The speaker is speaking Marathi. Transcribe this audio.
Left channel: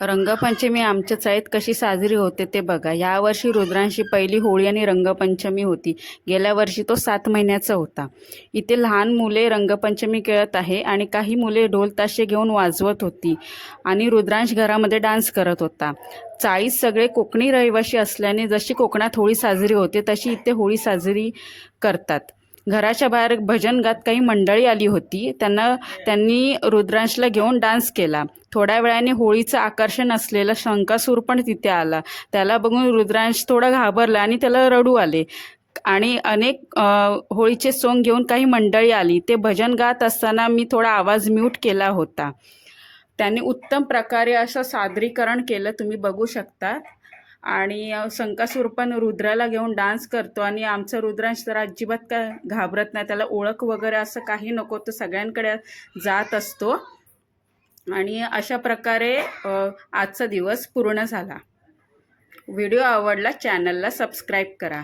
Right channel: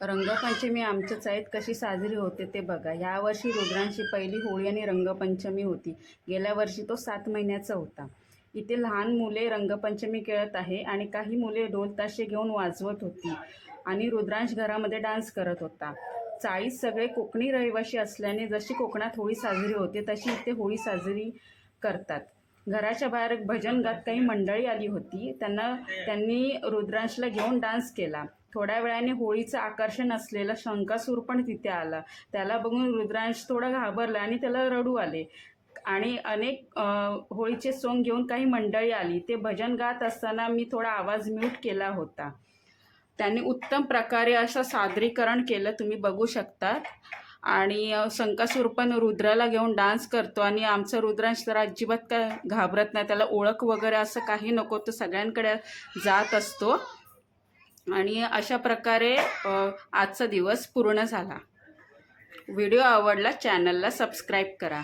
रंगपंचमी आमच्या चाळीत कशी साजरी होते ते बघा. यावर्षी रुद्रांशी पहिली होळी आणि रंगपंचमी होती. गेल्या वर्षी तो 7 महिन्याचा होता. इथे लहान मुले रंगपंचमी खेळत आहे आणि काही मुले ढोल ताशे घेऊन वाजवत होती आणि रुद्रांश घरामध्ये डान्स करत होता. चाळीत सगळे कोकणी रहिवासी असल्याने जशी कोकणात होळी साजरी होते तशी इथे होळी साजरी करतात. घराच्या बाहेर भजन गात काही मंडळी आली होती. त्यांनी रुद्रांशला घेऊन डान्स केला. थोड्या वेळाने होळीचं आकर्षण असलेला शंकासूर पण तिथे आला. त्याला बघून रुद्रांश थोडा घाबरला आणि त्याला रडू आले. आणि अनेक होळीचे सोंग घेऊन काही मंडळी आली. ते भजन गात असताना मी थोडा आवाज म्यूट केला होता. त्यांनी उत्तम प्रकारे असं सादरीकरण केलं, तुम्ही बघू शकता. आणि शंकासूर पण रुद्राला घेऊन डान्स करतो आणि आमचा रुद्रांश तर अजिबात काय घाबरत नाही. त्याला ओळख वगैरे असं काही नको, तो सगळ्यांकडे जात असतो. आणि अशा प्रकारे आजचा दिवस पूर्ण झाला. व्हिडिओ आवडला, चॅनलला सबस्क्राईब करा.